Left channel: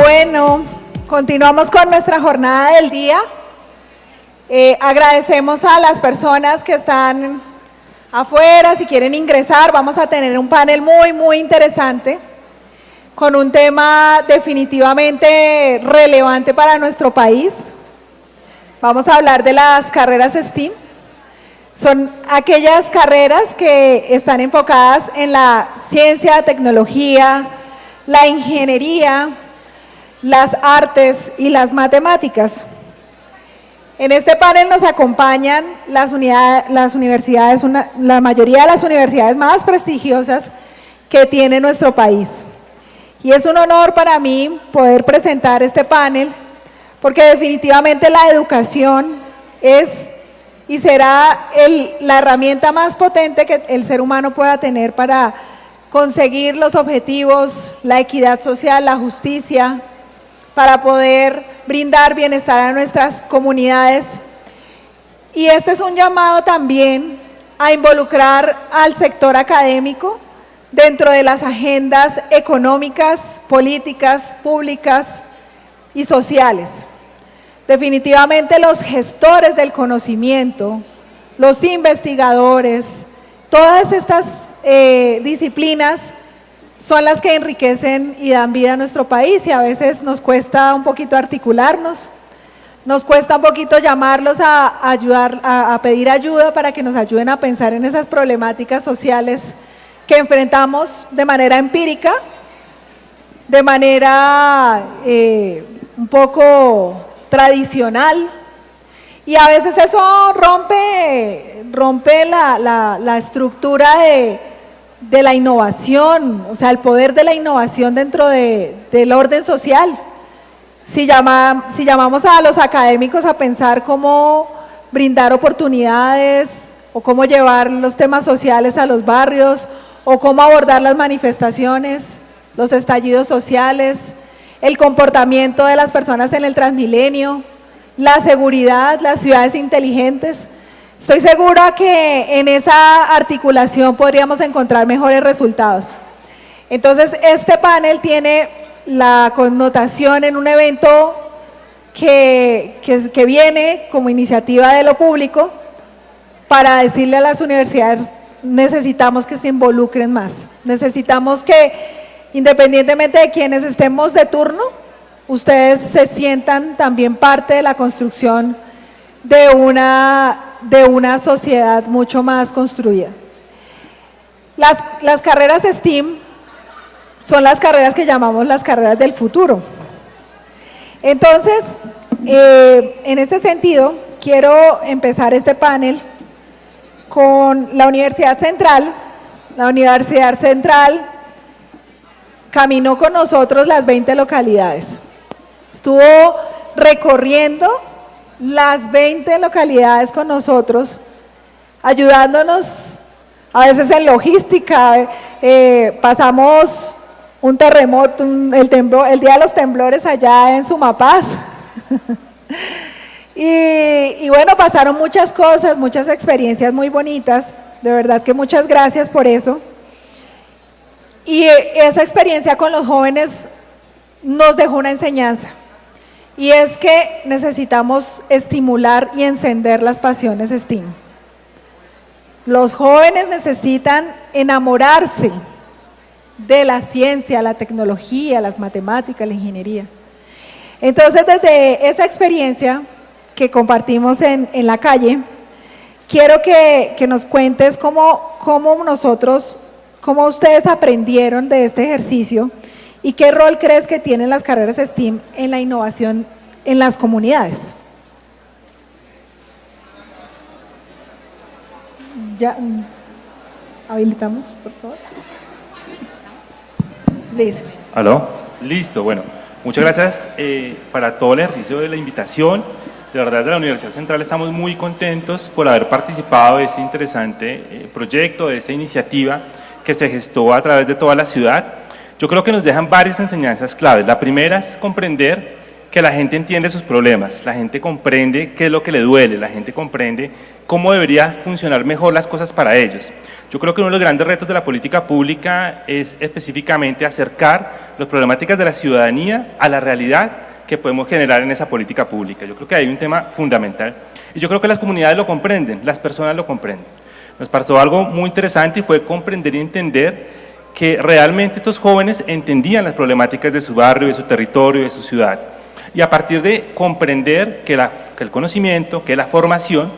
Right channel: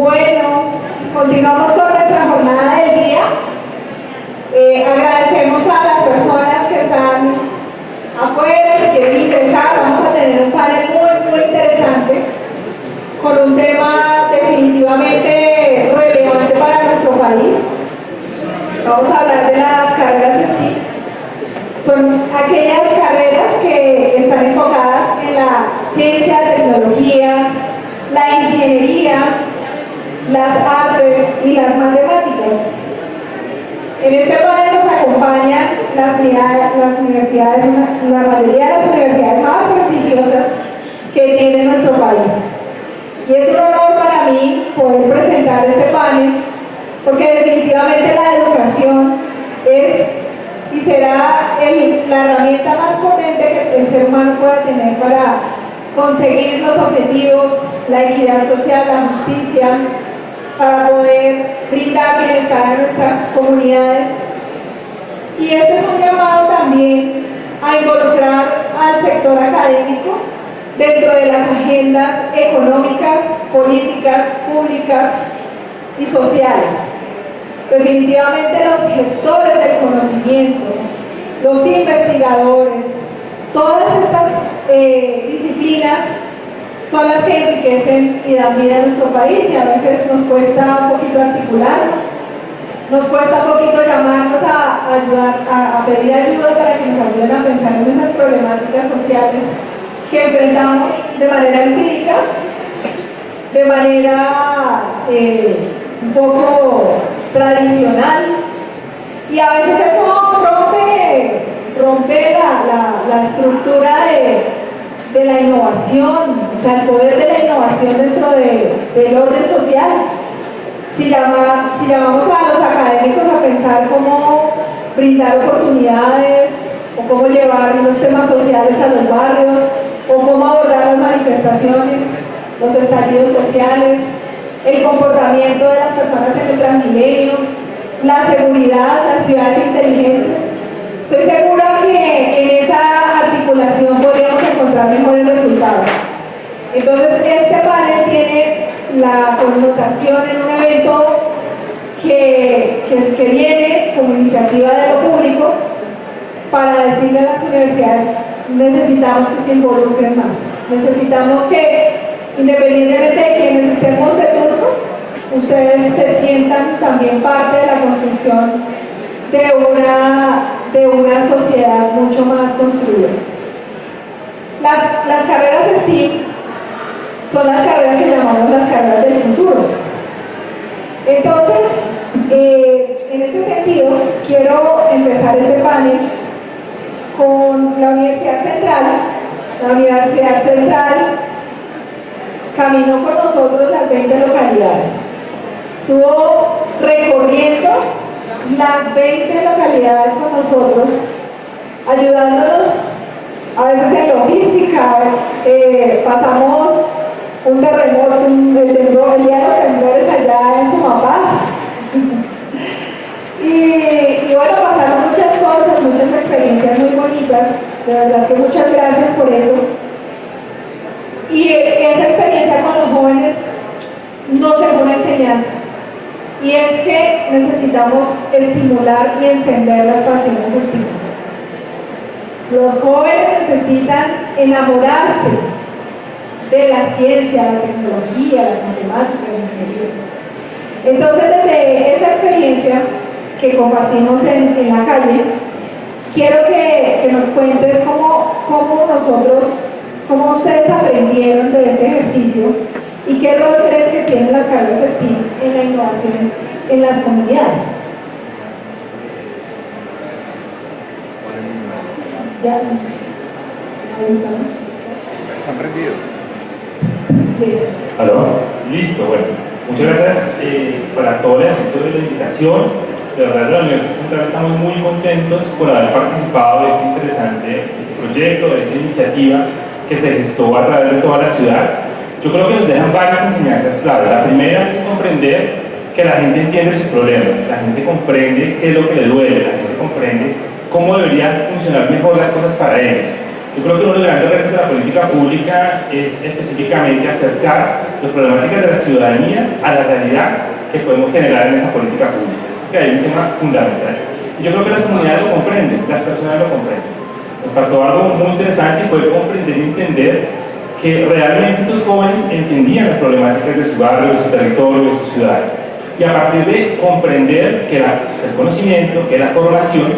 Bueno, continuamos con nuestra jornada del día. Agradecemos a las personas que están afuera, si quieren ingresar. Vamos a tener un panel muy interesante con un tema definitivamente relevante para nuestro país. Vamos a hablar de las carreras STEAM. Son aquellas carreras que están enfocadas en la ciencia, tecnología, la ingeniería, las artes y las matemáticas. En este panel nos acompañan las universidades, la mayoría de las universidades más prestigiosas que tiene nuestro país. Y es un honor para mí poder presentar este panel, porque definitivamente la educación es y será la herramienta más potente que el ser humano pueda tener para conseguir los objetivos, la equidad social, la justicia, para poder brindar bienestar a nuestras comunidades. Y este es un llamado también a involucrar al sector académico dentro de las agendas económicas, políticas, públicas y sociales. Definitivamente los gestores del conocimiento, los investigadores, todas estas disciplinas son las que enriquecen y dan vida a nuestro país, y a veces nos cuesta un poquito articularnos, nos cuesta un poquito llamarnos a pedir ayuda para que nos ayuden a pensar en esas problemáticas sociales que enfrentamos de manera empírica, de manera un poco tradicional, y a veces eso rompe la estructura de la innovación, o sea, el poder de la innovación dentro del orden social. Si llamamos a los académicos a pensar cómo brindar oportunidades, o cómo llevar los temas sociales a los barrios, o cómo abordar las manifestaciones, los estallidos sociales, el comportamiento de las personas en el Transmilenio, la seguridad, las ciudades inteligentes, estoy segura que en esa articulación podríamos encontrar mejores resultados. Entonces, este panel tiene la connotación en un evento que viene como iniciativa de lo público para decirle a las universidades: necesitamos que se involucren más, necesitamos que, independientemente de quienes estemos de turno, ustedes se sientan también parte de la construcción de una sociedad mucho más construida. Las carreras STEAM son las carreras que llamamos las carreras del futuro. Entonces, en ese sentido, quiero empezar este panel con la Universidad Central. La Universidad Central caminó con nosotros las 20 localidades. Estuvo recorriendo las 20 localidades con nosotros, ayudándonos a veces en logística. Pasamos un terremoto, el día de los temblores allá en Sumapaz. Y bueno, pasaron muchas cosas, muchas experiencias muy bonitas. De verdad que muchas gracias por eso. Y esa experiencia con los jóvenes nos dejó una enseñanza, y es que necesitamos estimular y encender las pasiones STEAM. Los jóvenes necesitan enamorarse de la ciencia, la tecnología, las matemáticas, la ingeniería. Entonces, desde esa experiencia que compartimos en la calle, quiero que nos cuentes cómo ustedes aprendieron de este ejercicio y qué rol crees que tienen las carreras STEAM en la innovación en las comunidades. Ya, ahí estamos. ¿Están prendidos? Listo. ¿Aló? Listo, bueno. Muchas gracias para todo el ejercicio de la invitación. De verdad, de la Universidad Central estamos muy contentos por haber participado de este interesante proyecto, de esta iniciativa que se gestó a través de toda la ciudad. Yo creo que nos dejan varias enseñanzas claves. La primera es comprender que la gente entiende sus problemas, la gente comprende qué es lo que le duele, la gente comprende cómo debería funcionar mejor las cosas para ellos. Yo creo que uno de los grandes retos de la política pública es específicamente acercar las problemáticas de la ciudadanía a la realidad que podemos generar en esa política pública. Yo creo que hay un tema fundamental. Y yo creo que las comunidades lo comprenden, las personas lo comprenden. Nos pasó algo muy interesante y fue comprender y entender que realmente estos jóvenes entendían las problemáticas de su barrio, de su territorio, de su ciudad. Y a partir de comprender que el conocimiento, que la formación,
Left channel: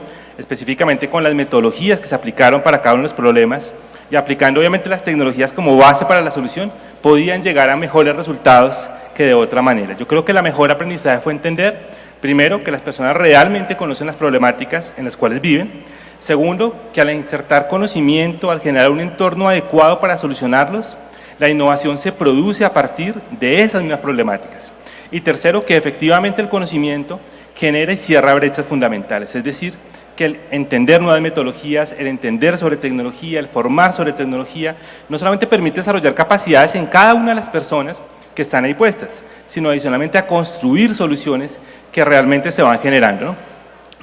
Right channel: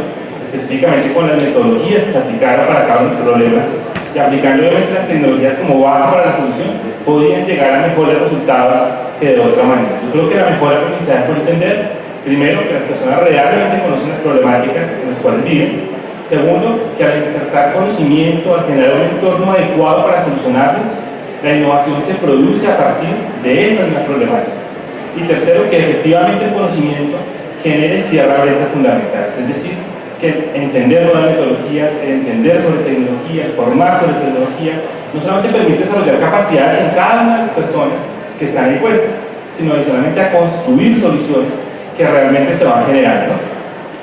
específicamente con las metodologías que se aplicaron para cada uno de los problemas y aplicando obviamente las tecnologías como base para la solución, podían llegar a mejores resultados que de otra manera. Yo creo que la mejor aprendizaje fue entender, primero, que las personas realmente conocen las problemáticas en las cuales viven. Segundo, que al insertar conocimiento, al generar un entorno adecuado para solucionarlos, la innovación se produce a partir de esas mismas problemáticas. Y tercero, que efectivamente el conocimiento genere y cierra brechas fundamentales, es decir, que el entender nuevas metodologías, el entender sobre tecnología, el formar sobre tecnología, no solamente permite desarrollar capacidades en cada una de las personas que están ahí puestas, sino adicionalmente a construir soluciones que realmente se van generando, ¿no?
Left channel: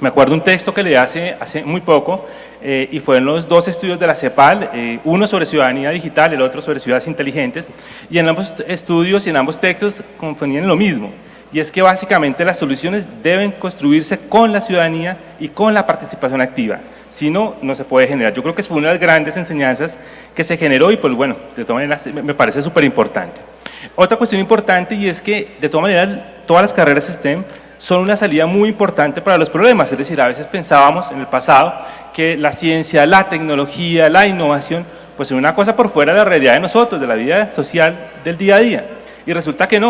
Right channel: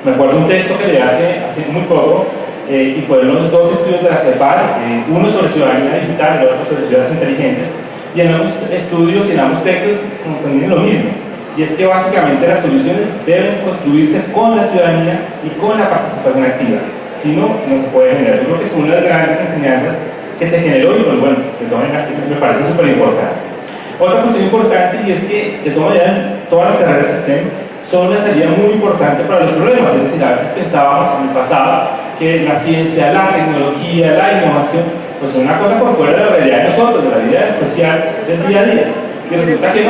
Me acuerdo un texto que leí hace muy poco, y fueron los dos estudios de la CEPAL, uno sobre ciudadanía digital y el otro sobre ciudades inteligentes, y en ambos estudios y en ambos textos confundían lo mismo, y es que básicamente las soluciones deben construirse con la ciudadanía y con la participación activa, si no, no se puede generar. Yo creo que es una de las grandes enseñanzas que se generó y pues bueno, de todas maneras me parece súper importante. Otra cuestión importante, y es que de todas maneras todas las carreras STEM son una salida muy importante para los problemas, es decir, a veces pensábamos en el pasado que la ciencia, la tecnología, la innovación, pues era una cosa por fuera de la realidad de nosotros, de la vida social del día a día, y resulta que no.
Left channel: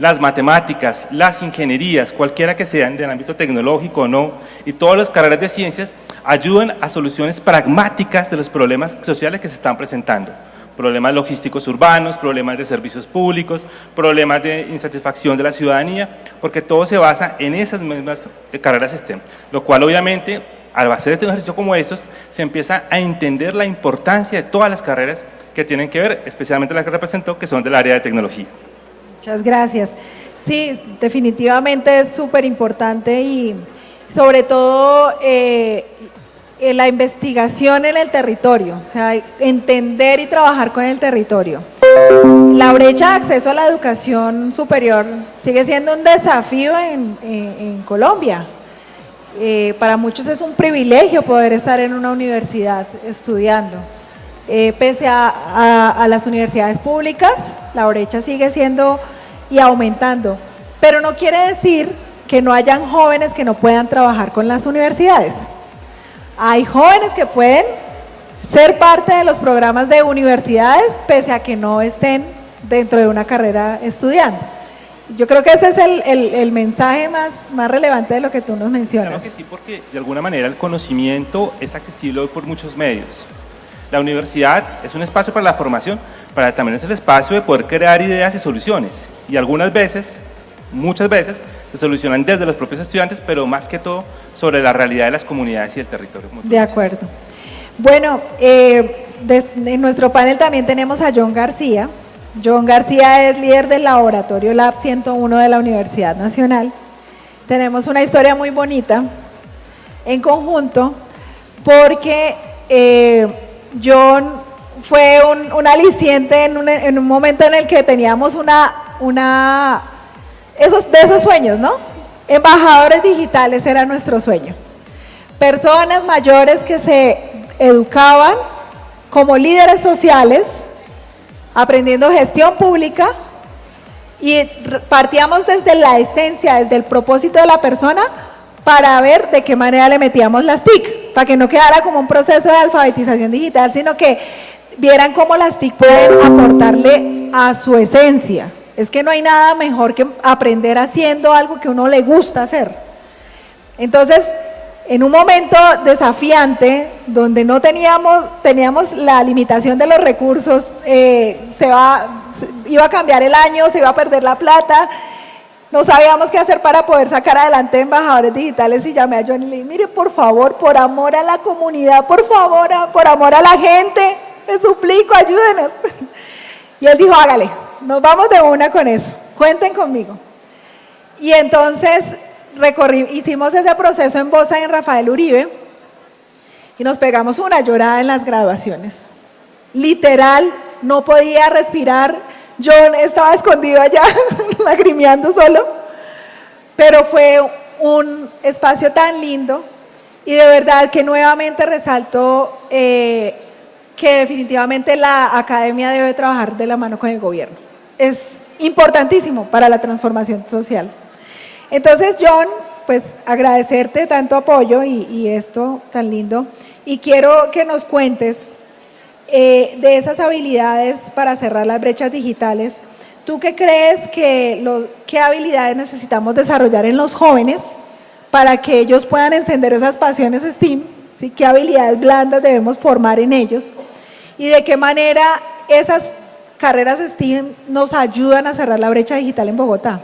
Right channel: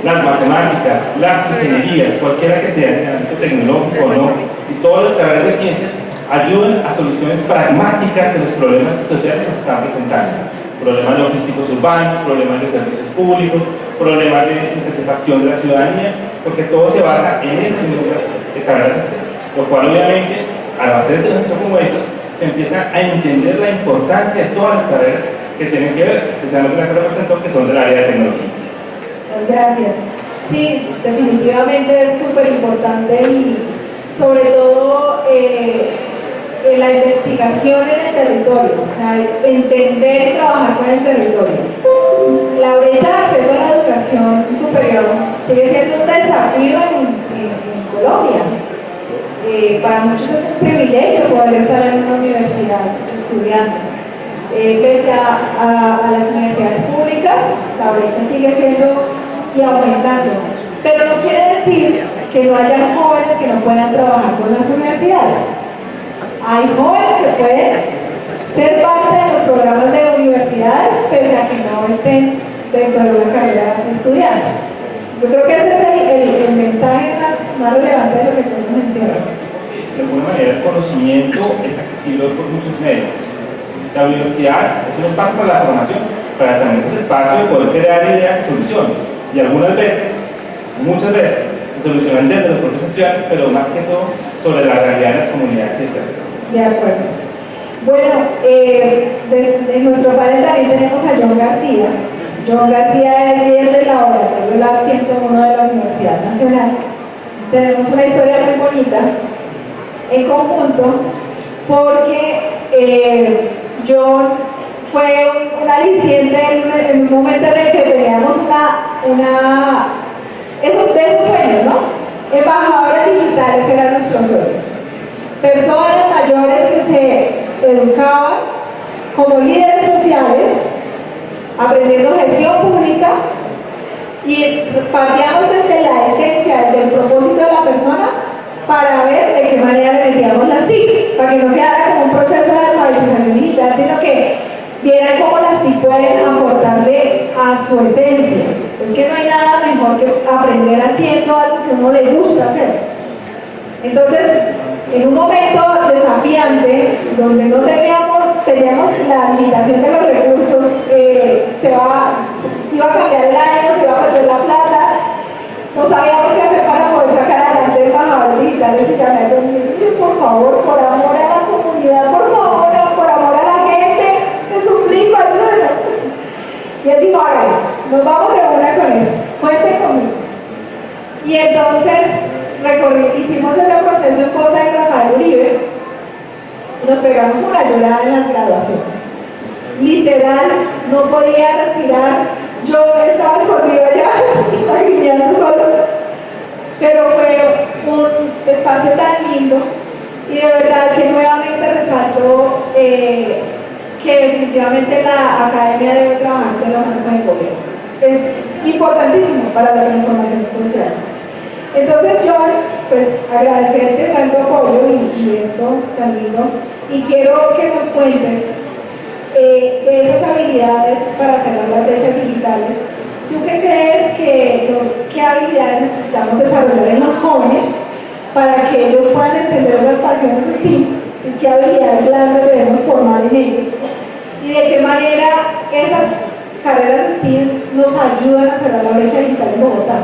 Las matemáticas, las ingenierías, cualquiera que sea en el ámbito tecnológico o no, y todas las carreras de ciencias ayudan a soluciones pragmáticas de los problemas sociales que se están presentando. Problemas logísticos urbanos, problemas de servicios públicos, problemas de insatisfacción de la ciudadanía, porque todo se basa en esas mismas carreras STEM, lo cual obviamente al hacer este ejercicio como estos se empieza a entender la importancia de todas las carreras que tienen que ver, especialmente la que represento, que son del área de tecnología. Muchas gracias. Sí, definitivamente es súper importante y sobre todo la investigación en el territorio, o sea, entender y trabajar con el territorio. La brecha de acceso a la educación superior sigue siendo un desafío en Colombia. Para muchos es un privilegio poder estar en una universidad estudiando. Pese a las universidades públicas, la brecha sigue siendo y aumentando, pero no quiere decir que no hayan jóvenes que no puedan trabajar con las universidades. Hay jóvenes que pueden ser parte de los programas de universidades pese a que no estén dentro de una carrera estudiando. Yo creo que ese es el mensaje más relevante de lo que tú nos mencionas. Sí, porque de alguna manera el conocimiento es accesible por muchos medios. La universidad es un espacio para la formación, pero también es el espacio de poder crear ideas y soluciones. Y algunas veces, muchas veces, se solucionan desde los propios estudiantes, pero más que todo sobre la realidad de las comunidades y el territorio. De acuerdo. Bueno, en nuestro panel también tenemos a John García. John García es líder del laboratorio Lab 101 de la Universidad Nacional. Tenemos una historia muy bonita en conjunto porque John fue un aliciente en un momento en el que teníamos esos sueños, ¿no? Embajadores digitales era nuestro sueño. Personas mayores que se educaban como líderes sociales, aprendiendo gestión pública, y partíamos desde la esencia, desde el propósito de la persona, para ver de qué manera le metíamos las TIC, para que no quedara como un proceso de alfabetización digital, sino que vieran cómo las TIC pueden aportarle a su esencia. Es que no hay nada mejor que aprender haciendo algo que uno le gusta hacer. Entonces, en un momento desafiante, donde no teníamos la limitación de los recursos, iba a cambiar el año, se iba a perder la plata, no sabíamos qué hacer para poder sacar adelante embajadores digitales, y llamé a John y le dije, mire, por favor, por amor a la comunidad, por favor, por amor a la gente, les suplico, ayúdenos. Y él dijo, hágale, nos vamos de una con eso, cuenten conmigo. Y entonces hicimos ese proceso en Poza de Rafael Uribe, y nos pegamos una llorada en las graduaciones. Literal, no podía respirar, yo estaba escondido allá, lagrimeando solo, pero fue un espacio tan lindo y de verdad que nuevamente resalto que definitivamente la academia debe trabajar de la mano con el gobierno. Es importantísimo para la transformación social. Entonces, John, pues agradecerte tanto apoyo y esto tan lindo, y quiero que nos cuentes de esas habilidades para cerrar las brechas digitales. ¿Tú qué crees qué habilidades necesitamos desarrollar en los jóvenes para que ellos puedan encender esas pasiones STEAM? ¿Sí? ¿Qué habilidades blandas debemos formar en ellos? ¿Y de qué manera esas carreras STEAM nos ayudan a cerrar la brecha digital en Bogotá?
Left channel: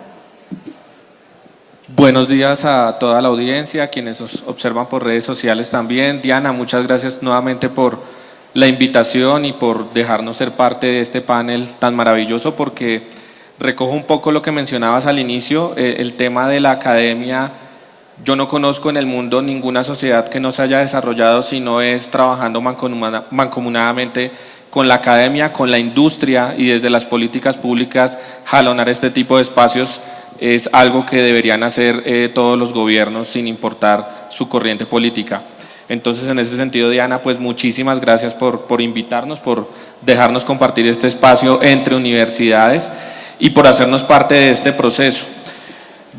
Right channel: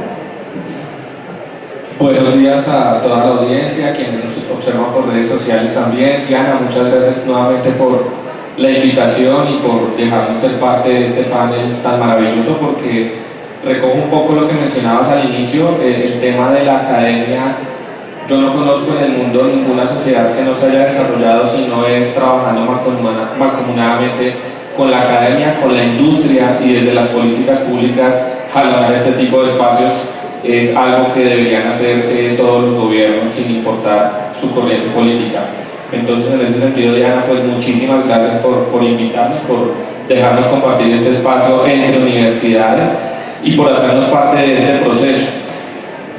Buenos días a toda la audiencia, quienes nos observan por redes sociales también. Diana, muchas gracias nuevamente por la invitación y por dejarnos ser parte de este panel tan maravilloso, porque recojo un poco lo que mencionabas al inicio, el tema de la academia. Yo no conozco en el mundo ninguna sociedad que no se haya desarrollado si no es trabajando mancomunadamente con la academia, con la industria, y desde las políticas públicas jalonar este tipo de espacios es algo que deberían hacer todos los gobiernos sin importar su corriente política. Entonces, en ese sentido, Diana, pues muchísimas gracias por invitarnos, por dejarnos compartir este espacio entre universidades y por hacernos parte de este proceso.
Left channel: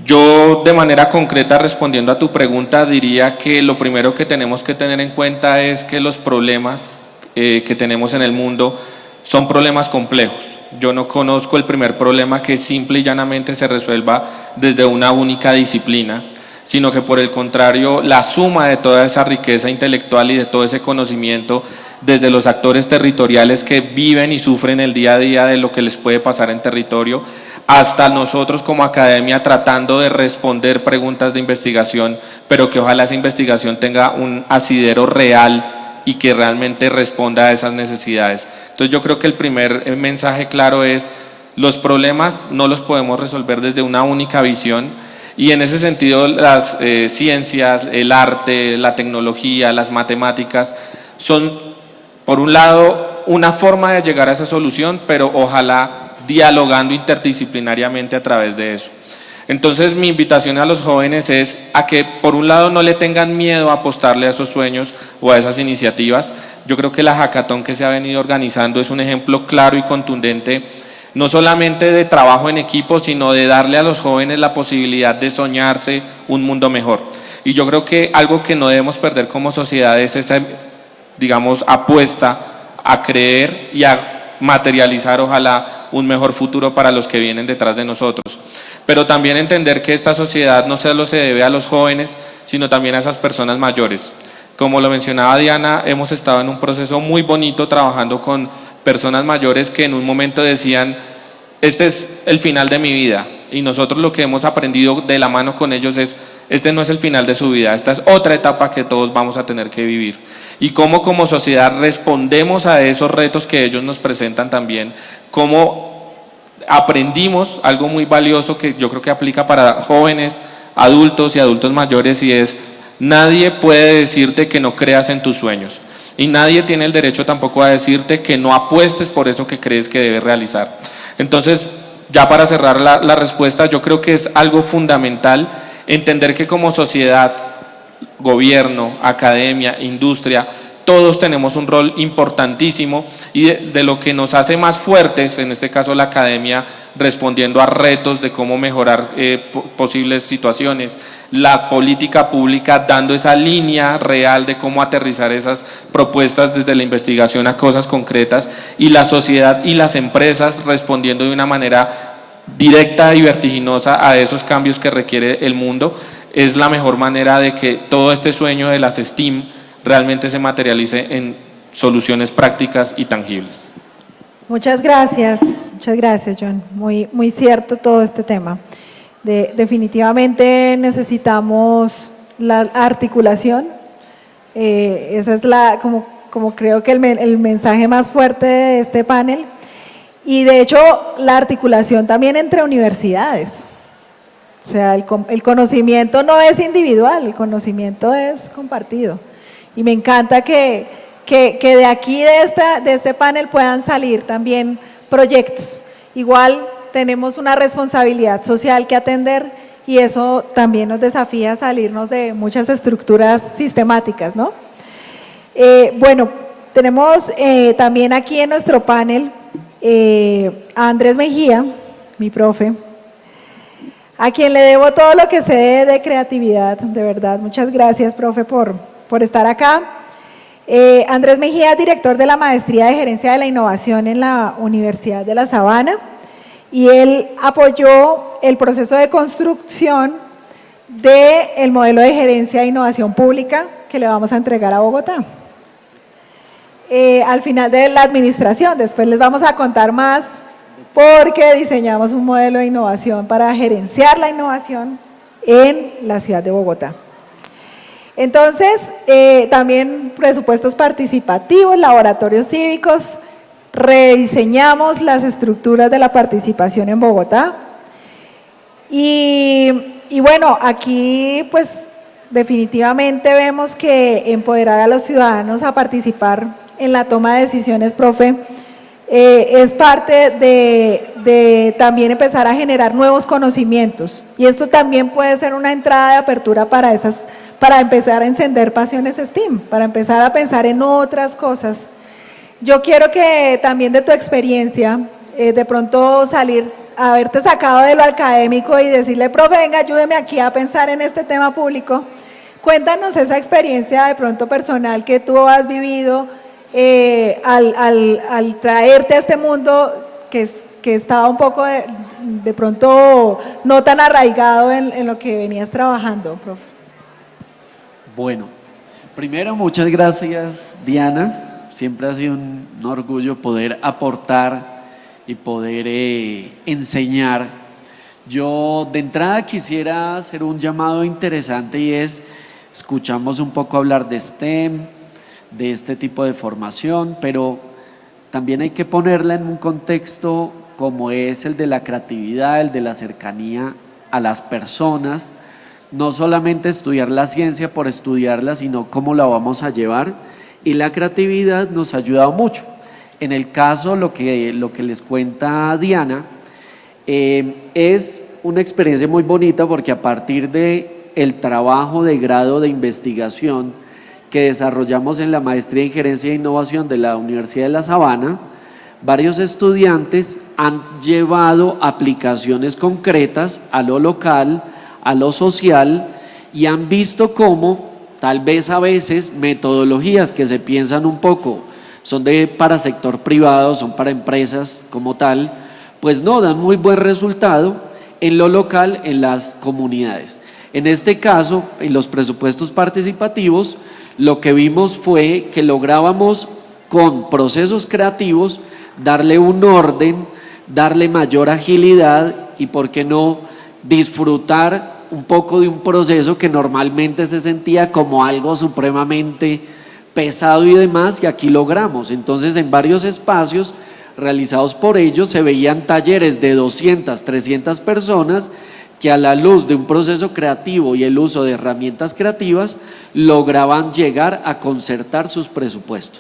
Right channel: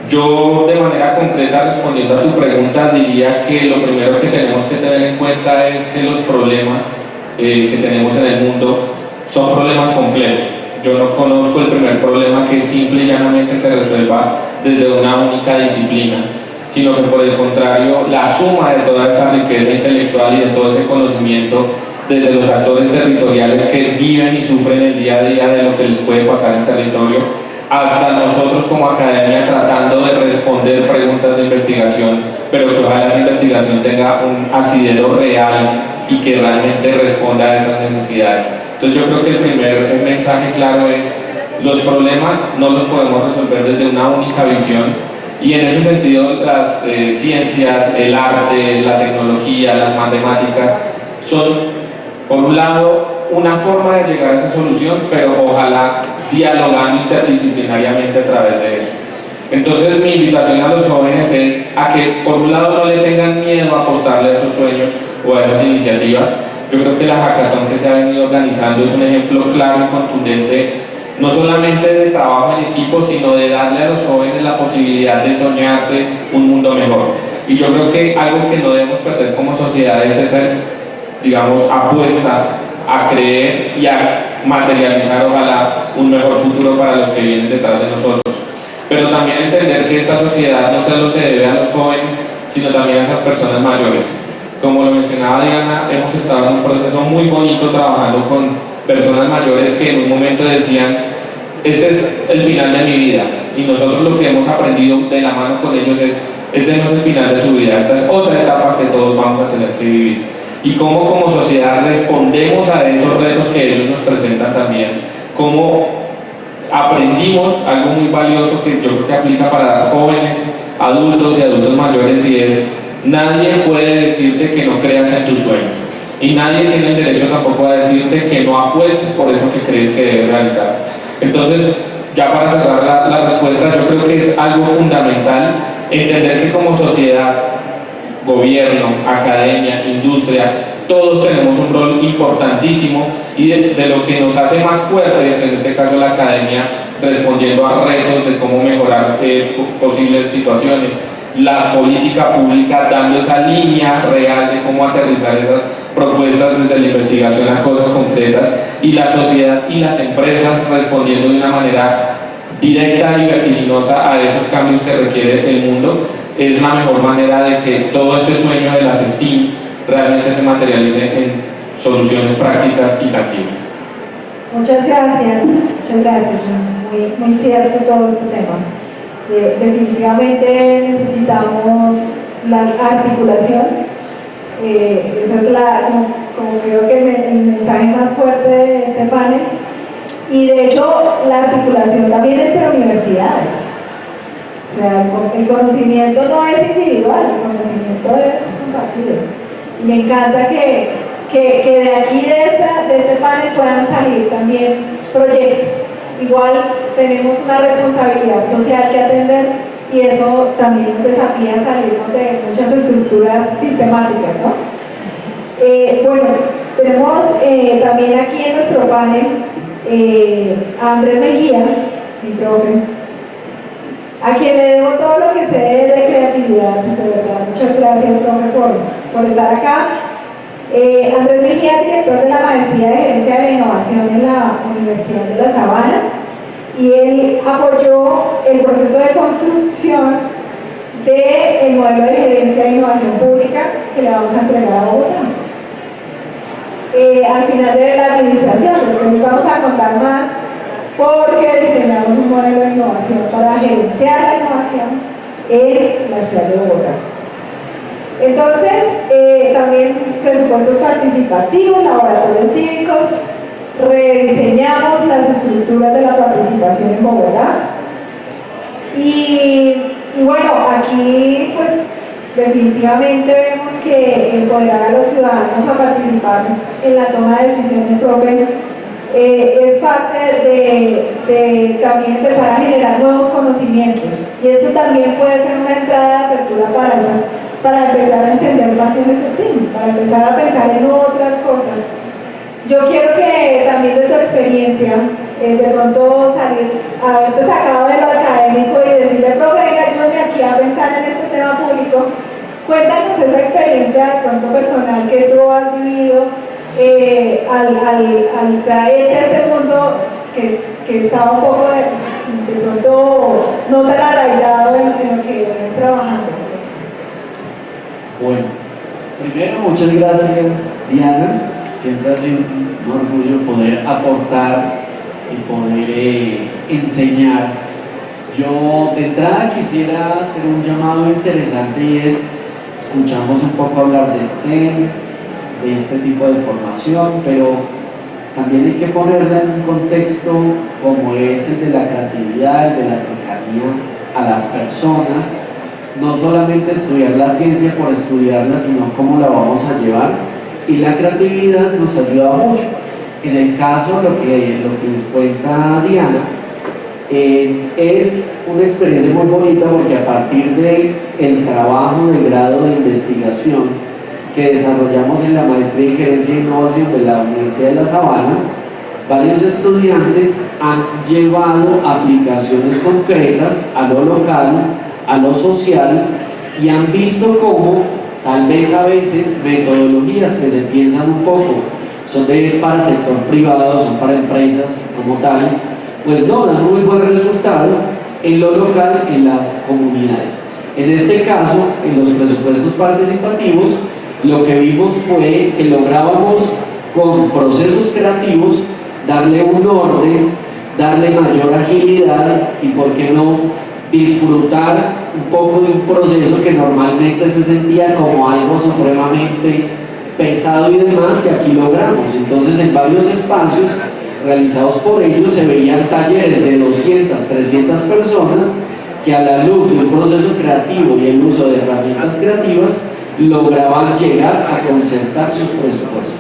Yo, de manera concreta, respondiendo a tu pregunta, diría que lo primero que tenemos que tener en cuenta es que los problemas que tenemos en el mundo son problemas complejos. Yo no conozco el primer problema que simple y llanamente se resuelva desde una única disciplina, sino que por el contrario, la suma de toda esa riqueza intelectual y de todo ese conocimiento desde los actores territoriales que viven y sufren el día a día de lo que les puede pasar en territorio, hasta nosotros como academia tratando de responder preguntas de investigación, pero que ojalá esa investigación tenga un asidero real y que realmente responda a esas necesidades. Entonces yo creo que el primer mensaje claro es: los problemas no los podemos resolver desde una única visión, y en ese sentido las ciencias, el arte, la tecnología, las matemáticas son, por un lado, una forma de llegar a esa solución, pero ojalá dialogando interdisciplinariamente a través de eso. Entonces mi invitación a los jóvenes es a que por un lado no le tengan miedo a apostarle a esos sueños o a esas iniciativas. Yo creo que la hackathon que se ha venido organizando es un ejemplo claro y contundente, no solamente de trabajo en equipo, sino de darle a los jóvenes la posibilidad de soñarse un mundo mejor. Y yo creo que algo que no debemos perder como sociedad es esa, digamos, apuesta a creer y a materializar, ojalá, un mejor futuro para los que vienen detrás de nosotros. Pero también entender que esta sociedad no solo se debe a los jóvenes, sino también a esas personas mayores. Como lo mencionaba Diana, hemos estado en un proceso muy bonito trabajando con personas mayores que en un momento decían: este es el final de mi vida, y nosotros lo que hemos aprendido de la mano con ellos es: este no es el final de su vida, esta es otra etapa que todos vamos a tener que vivir. Y cómo como sociedad respondemos a esos retos que ellos nos presentan también, cómo aprendimos algo muy valioso que yo creo que aplica para jóvenes, adultos y adultos mayores, y es: nadie puede decirte que no creas en tus sueños, y nadie tiene el derecho tampoco a decirte que no apuestes por eso que crees que debes realizar. Entonces, ya para cerrar la respuesta, yo creo que es algo fundamental entender que como sociedad, gobierno, academia, industria, todos tenemos un rol importantísimo, y de lo que nos hace más fuertes, en este caso la academia, respondiendo a retos de cómo mejorar posibles situaciones, la política pública dando esa línea real de cómo aterrizar esas propuestas desde la investigación a cosas concretas, y la sociedad y las empresas respondiendo de una manera directa y vertiginosa a esos cambios que requiere el mundo, es la mejor manera de que todo este sueño de las STEAM realmente se materialice en soluciones prácticas y tangibles. Muchas gracias, John. Muy cierto todo este tema. Definitivamente necesitamos la articulación, esa es como creo que el mensaje más fuerte de este panel, y de hecho la articulación también entre universidades. O sea, el conocimiento no es individual, el conocimiento es compartido, y me encanta que de aquí, de este panel, puedan salir también proyectos. Igual tenemos una responsabilidad social que atender y eso también nos desafía a salirnos de muchas estructuras sistemáticas, ¿no? Bueno, tenemos también aquí en nuestro panel a Andrés Mejía, mi profe, a quien le debo todo lo que sé de creatividad, de verdad. Muchas gracias, profe, por estar acá. Andrés Mejía es director de la Maestría de Gerencia de la Innovación en la Universidad de La Sabana y él apoyó el proceso de construcción del modelo de gerencia de innovación pública que le vamos a entregar a Bogotá. Al final de la administración, después les vamos a contar más porque diseñamos un modelo de innovación para gerenciar la innovación en la ciudad de Bogotá. Entonces, también presupuestos participativos, laboratorios cívicos, rediseñamos las estructuras de la participación en Bogotá y bueno, aquí pues definitivamente vemos que empoderar a los ciudadanos a participar en la toma de decisiones, profe, es parte de también empezar a generar nuevos conocimientos y esto también puede ser una entrada de apertura para empezar a encender pasiones STEAM, para empezar a pensar en otras cosas. Yo quiero que también de tu experiencia, de pronto salir, haberte sacado de lo académico y decirle, profe, venga, ayúdeme aquí a pensar en este tema público. Cuéntanos esa experiencia de pronto personal que tú has vivido al traerte a este mundo que estaba un poco de pronto no tan arraigado en lo que venías trabajando. Bueno, primero muchas gracias, Diana. Siempre ha sido un orgullo poder aportar y poder enseñar. Yo de entrada quisiera hacer un llamado interesante y es, escuchamos un poco hablar de STEM, de este tipo de formación, pero también hay que ponerla en un contexto como es el de la creatividad, el de la cercanía a las personas. No solamente estudiar la ciencia por estudiarla, sino cómo la vamos a llevar, y la creatividad nos ayuda mucho. En el caso, lo que les cuenta Diana, es una experiencia muy bonita porque a partir del trabajo de grado de investigación que desarrollamos en la Maestría en Gerencia e Innovación de la Universidad de La Sabana, varios estudiantes han llevado aplicaciones concretas a lo local, a lo social, y han visto cómo tal vez a veces metodologías que se piensan un poco son para sector privado, son para empresas como tal, pues no dan muy buen resultado en lo local, en las comunidades. En este caso, en los presupuestos participativos, lo que vimos fue que lográbamos con procesos creativos darle un orden, darle mayor agilidad y, por qué no, disfrutar un poco de un proceso que normalmente se sentía como algo supremamente pesado y demás, que aquí logramos. Entonces, en varios espacios realizados por ellos se veían talleres de 200, 300 personas que, a la luz de un proceso creativo y el uso de herramientas creativas, lograban llegar a concertar sus presupuestos.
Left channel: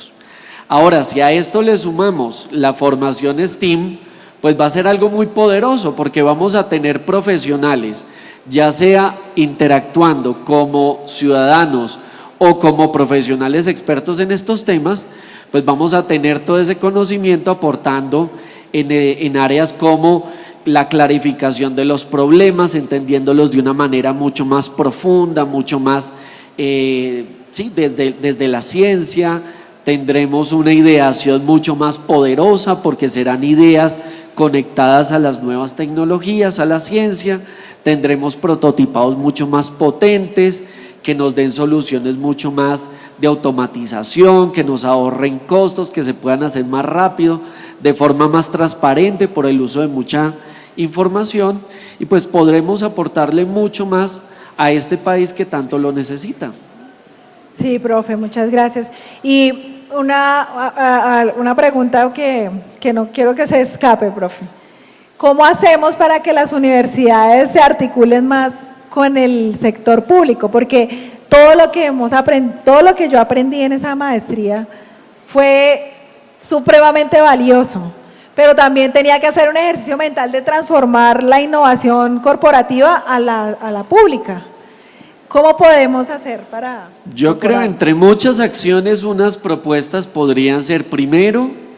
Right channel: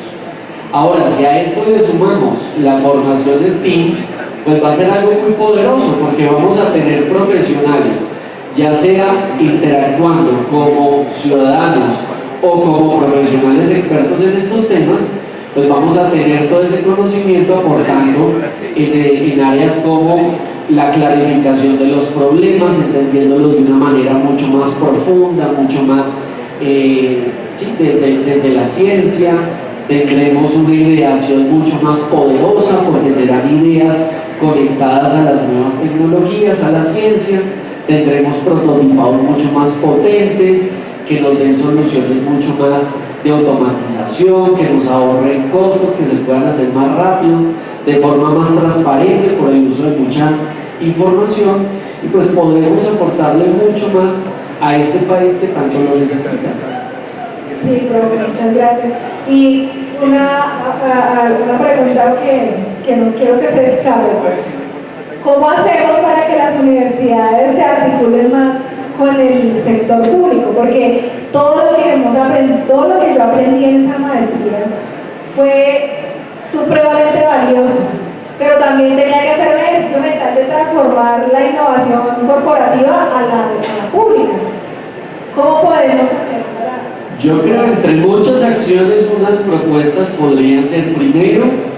Ahora, si a esto le sumamos la formación STEAM, pues va a ser algo muy poderoso, porque vamos a tener profesionales, ya sea interactuando como ciudadanos o como profesionales expertos en estos temas, pues vamos a tener todo ese conocimiento aportando en áreas como la clarificación de los problemas, entendiéndolos de una manera mucho más profunda, mucho más desde la ciencia. Tendremos una ideación mucho más poderosa porque serán ideas conectadas a las nuevas tecnologías, a la ciencia. Tendremos prototipados mucho más potentes que nos den soluciones mucho más de automatización, que nos ahorren costos, que se puedan hacer más rápido, de forma más transparente por el uso de mucha información, y pues podremos aportarle mucho más a este país que tanto lo necesita. Sí, profe, muchas gracias. Y una pregunta que no quiero que se escape, profe. ¿Cómo hacemos para que las universidades se articulen más con el sector público, porque todo lo que yo aprendí en esa maestría fue supremamente valioso, pero también tenía que hacer un ejercicio mental de transformar la innovación corporativa a la pública. ¿Cómo podemos hacer para...? Yo creo, entre muchas acciones, unas propuestas podrían ser, primero,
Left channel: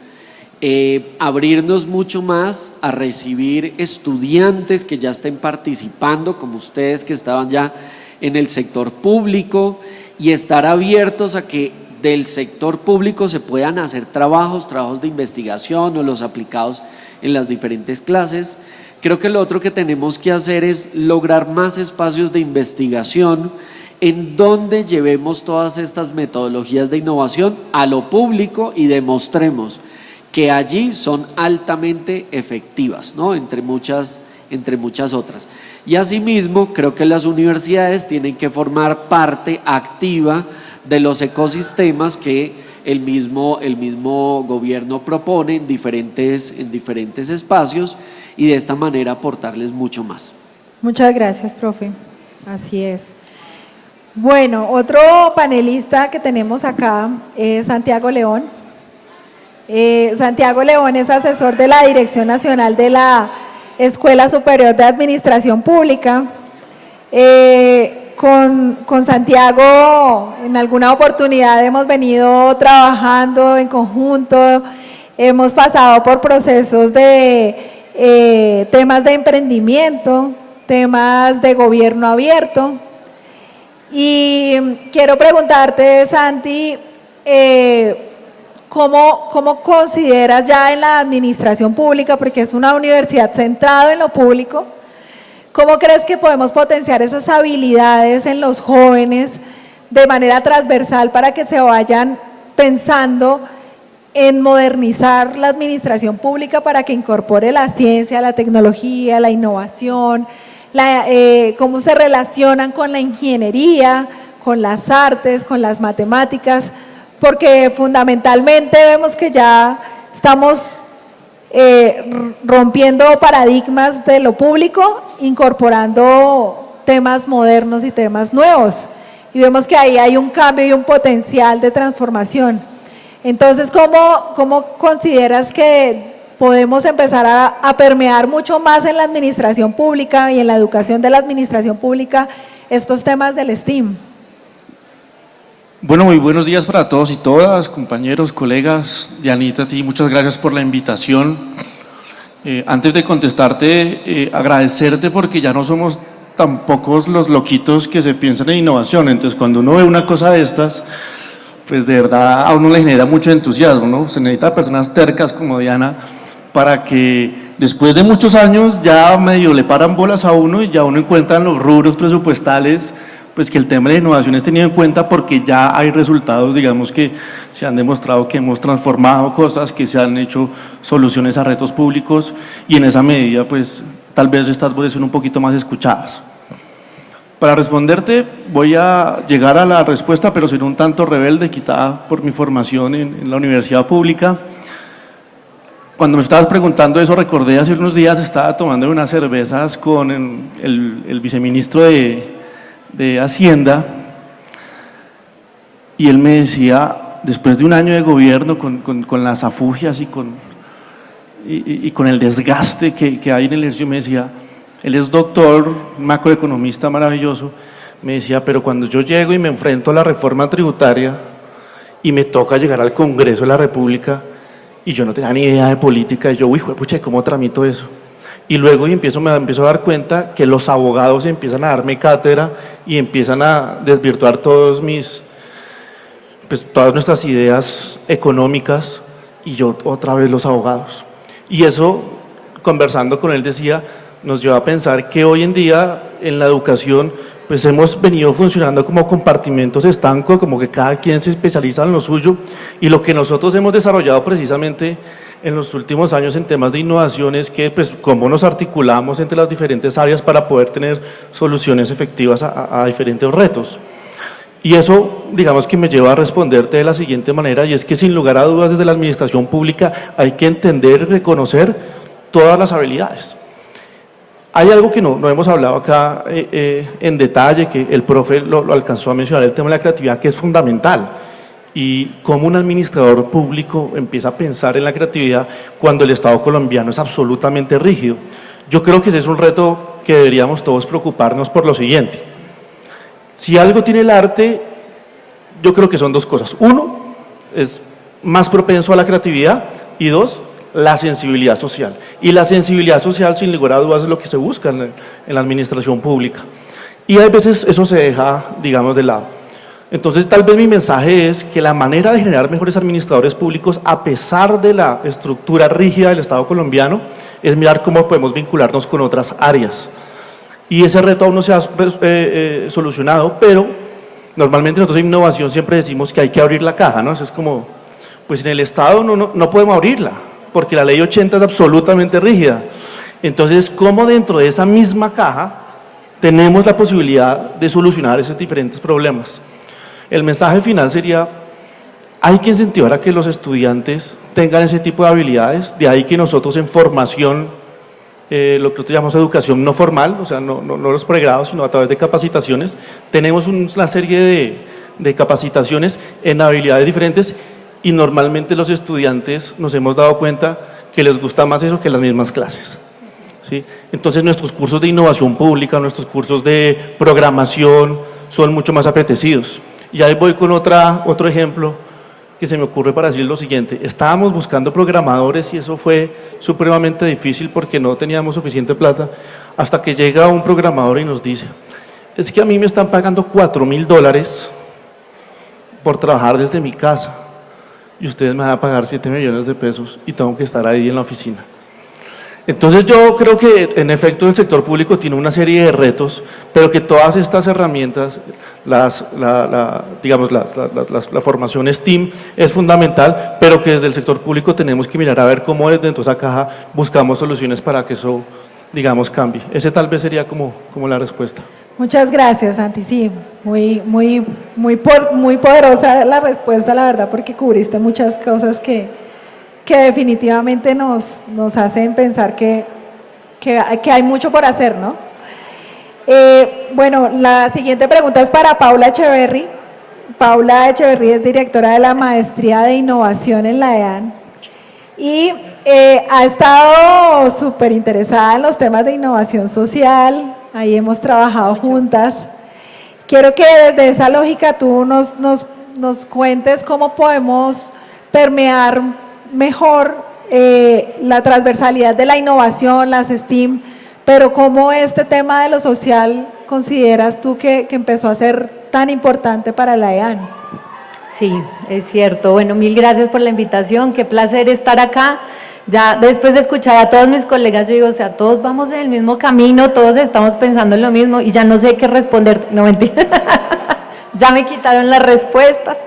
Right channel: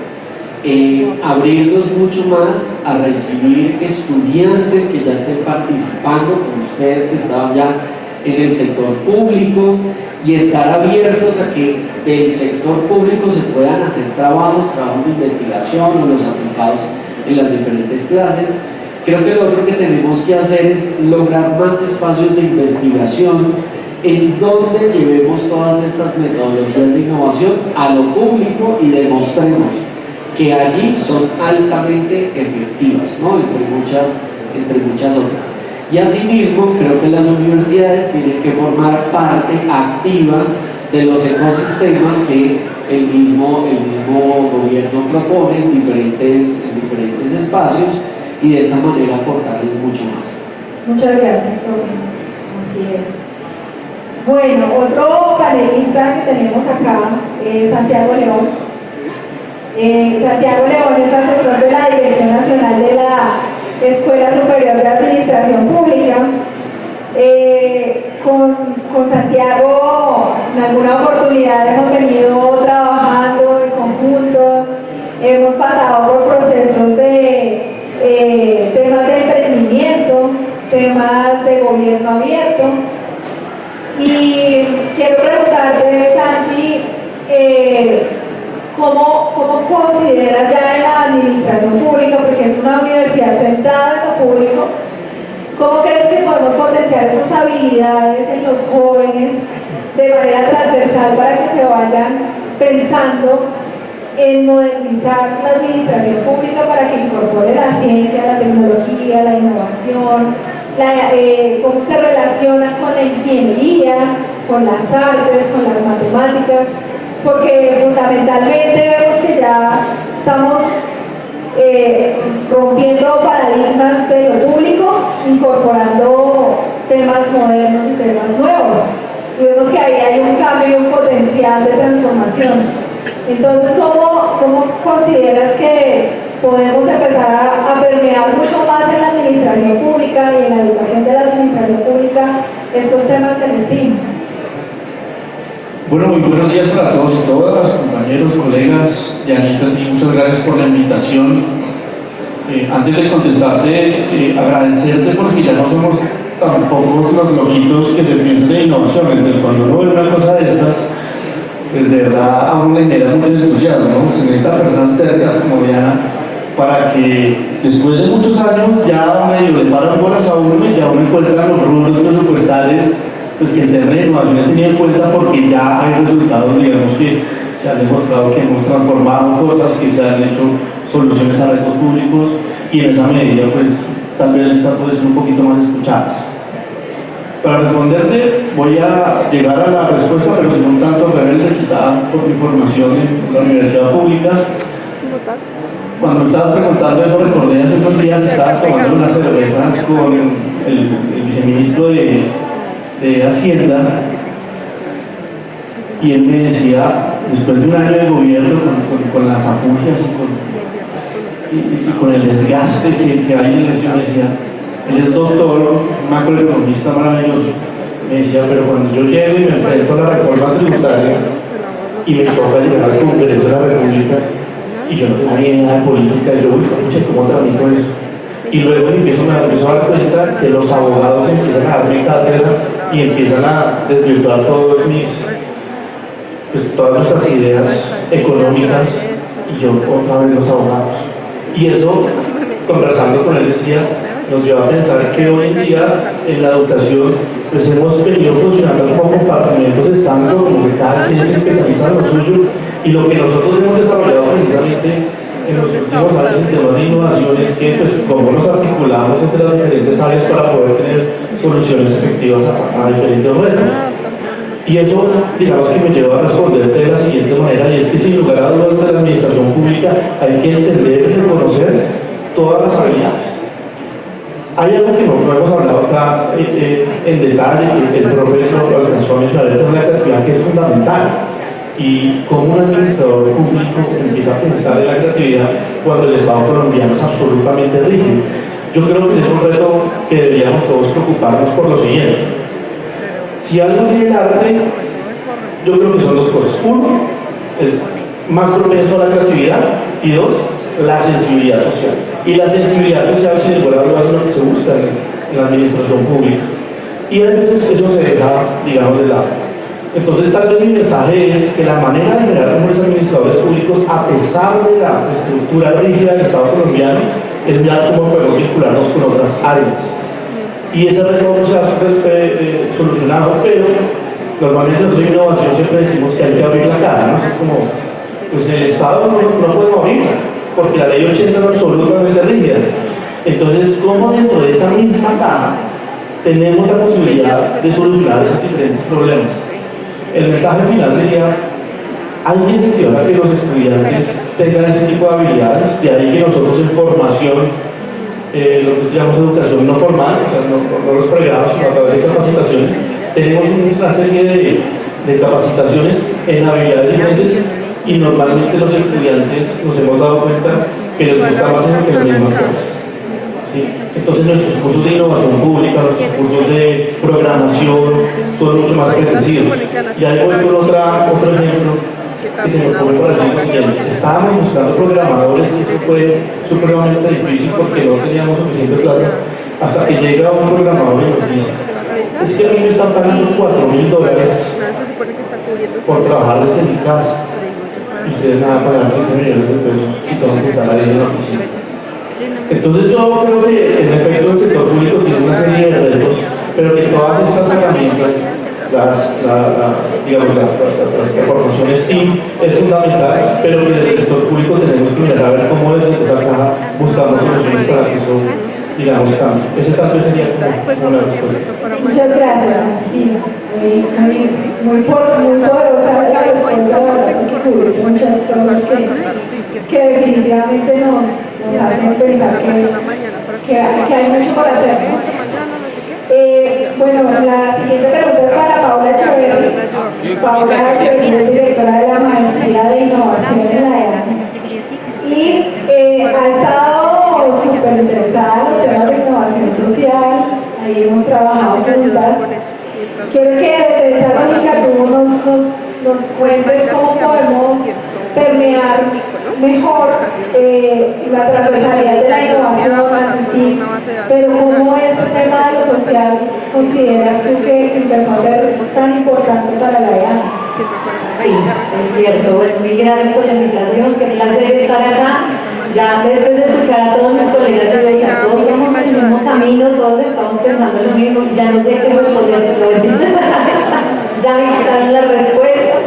abrirnos mucho más a recibir estudiantes que ya estén participando, como ustedes que estaban ya en el sector público, y estar abiertos a que del sector público se puedan hacer trabajos de investigación o los aplicados en las diferentes clases. Creo que lo otro que tenemos que hacer es lograr más espacios de investigación en donde llevemos todas estas metodologías de innovación a lo público y demostremos que allí son altamente efectivas, ¿no? entre muchas otras. Y asimismo, creo que las universidades tienen que formar parte activa de los ecosistemas que el mismo gobierno propone en diferentes espacios, y de esta manera aportarles mucho más. Muchas gracias, profe. Así es. Bueno, otro panelista que tenemos acá es Santiago León. Santiago León es asesor de la Dirección Nacional de la Escuela Superior de Administración Pública. Con Santiago en alguna oportunidad hemos venido trabajando en conjunto, hemos pasado por procesos de temas de emprendimiento, temas de gobierno abierto, y quiero preguntarte, Santi, ¿cómo consideras ya en la administración pública, porque es una universidad centrada en lo público, cómo crees que podemos potenciar esas habilidades en los jóvenes de manera transversal para que se vayan pensando en modernizar la administración pública para que incorpore la ciencia, la tecnología, la innovación, cómo se relaciona con la ingeniería, con las artes, con las matemáticas? Porque fundamentalmente vemos que ya estamos rompiendo paradigmas de lo público, incorporando temas modernos y temas nuevos, y vemos que ahí hay un cambio y un potencial de transformación. Entonces, ¿cómo consideras que podemos empezar a permear mucho más en la administración pública y en la educación de la administración pública estos temas del STEAM? Bueno, muy buenos días para todos y todas, compañeros, colegas. Dianita, a ti muchas gracias por la invitación. Antes de contestarte, agradecerte, porque ya no somos tan pocos los loquitos que se piensan en innovación. Entonces, cuando uno ve una cosa de estas, pues de verdad a uno le genera mucho entusiasmo, ¿no? Se necesita personas tercas como Diana para que después de muchos años ya medio le paran bolas a uno y ya uno encuentra los rubros presupuestales, pues que el tema de innovación es tenido en cuenta, porque ya hay resultados, digamos, que se han demostrado que hemos transformado cosas, que se han hecho soluciones a retos públicos, y en esa medida pues tal vez estas pueden ser un poquito más escuchadas. Para responderte voy a llegar a la respuesta, pero soy un tanto rebelde, quitada por mi formación en la universidad pública. Cuando me estabas preguntando eso, recordé hace unos días estaba tomando unas cervezas con el viceministro de Hacienda, y él me decía, después de un año de gobierno con las afugias y con el desgaste que hay en el ejercicio, me decía, él es doctor, macroeconomista maravilloso, me decía, pero cuando yo llego y me enfrento a la reforma tributaria y me toca llegar al Congreso de la República y yo no tenía ni idea de política, y yo, uy, pucha, ¿cómo tramito eso? Y luego me empiezo a dar cuenta que los abogados empiezan a darme cátedra y empiezan a desvirtuar todas nuestras ideas económicas, y yo otra vez los abogados. Y eso, conversando con él, decía, nos lleva a pensar que hoy en día en la educación pues hemos venido funcionando como compartimentos estancos, como que cada quien se especializa en lo suyo, y lo que nosotros hemos desarrollado precisamente en los últimos años en temas de innovación es que pues cómo nos articulamos entre las diferentes áreas para poder tener soluciones efectivas a diferentes retos. Y eso, digamos, que me lleva a responderte de la siguiente manera, y es que sin lugar a dudas desde la administración pública hay que entender y reconocer todas las habilidades. Hay algo que no hemos hablado acá en detalle, que el profe lo alcanzó a mencionar, el tema de la creatividad, que es fundamental. Y cómo un administrador público empieza a pensar en la creatividad cuando el Estado colombiano es absolutamente rígido. Yo creo que ese es un reto que deberíamos todos preocuparnos por lo siguiente. Si algo tiene el arte, yo creo que son dos cosas. Uno, es más propenso a la creatividad, y dos, la sensibilidad social. Y la sensibilidad social, sin lugar a dudas, es lo que se busca en la administración pública. Y a veces eso se deja, digamos, de lado. Entonces, tal vez mi mensaje es que la manera de generar mejores administradores públicos, a pesar de la estructura rígida del Estado colombiano, es mirar cómo podemos vincularnos con otras áreas. Y ese reto aún no se ha solucionado, pero normalmente nosotros en innovación siempre decimos que hay que abrir la caja, ¿no? Eso es como, pues en el Estado no podemos abrirla, porque la ley 80 es absolutamente rígida. Entonces, ¿cómo dentro de esa misma caja tenemos la posibilidad de solucionar esos diferentes problemas? El mensaje final sería: hay que incentivar a que los estudiantes tengan ese tipo de habilidades, de ahí que nosotros en formación, lo que nosotros llamamos educación no formal, o sea, no los pregrados, sino a través de capacitaciones, tenemos una serie de capacitaciones en habilidades diferentes, y normalmente los estudiantes nos hemos dado cuenta que les gusta más eso que las mismas clases. ¿Sí? Entonces nuestros cursos de innovación pública, nuestros cursos de programación son mucho más apetecidos. Y ahí voy con otro ejemplo que se me ocurre para decir lo siguiente. Estábamos buscando programadores y eso fue supremamente difícil porque no teníamos suficiente plata, hasta que llega un programador y nos dice: es que a mí me están pagando $4.000 por trabajar desde mi casa, y ustedes me van a pagar 7 millones de pesos y tengo que estar ahí en la oficina. Entonces yo creo que en efecto el sector público tiene una serie de retos, pero que todas estas herramientas, la formación STEAM es fundamental, pero que desde el sector público tenemos que mirar a ver cómo desde esa caja buscamos soluciones para que eso, digamos, cambie. Ese tal vez sería como la respuesta. Muchas gracias, Santi. Sí, muy poderosa la respuesta, la verdad, porque cubriste muchas cosas que definitivamente nos hacen pensar que hay mucho por hacer, ¿no? Bueno, la siguiente pregunta es para Paula Echeverry. Paula Echeverry es directora de la Maestría de Innovación en la EAN y ha estado súper interesada en los temas de innovación social. Ahí hemos trabajado juntas. Quiero que desde esa lógica tú nos cuentes cómo podemos permear mejor la transversalidad de la innovación, las STEAM, pero cómo este tema de lo social consideras tú que empezó a ser tan importante para la EAN. Sí, es cierto. Bueno, mil gracias por la invitación, qué placer estar acá. Ya después de escuchar a todos mis colegas, yo digo, o sea, todos vamos en el mismo camino, todos estamos pensando en lo mismo y ya no sé qué responder. No, mentira. Ya me quitaron las respuestas.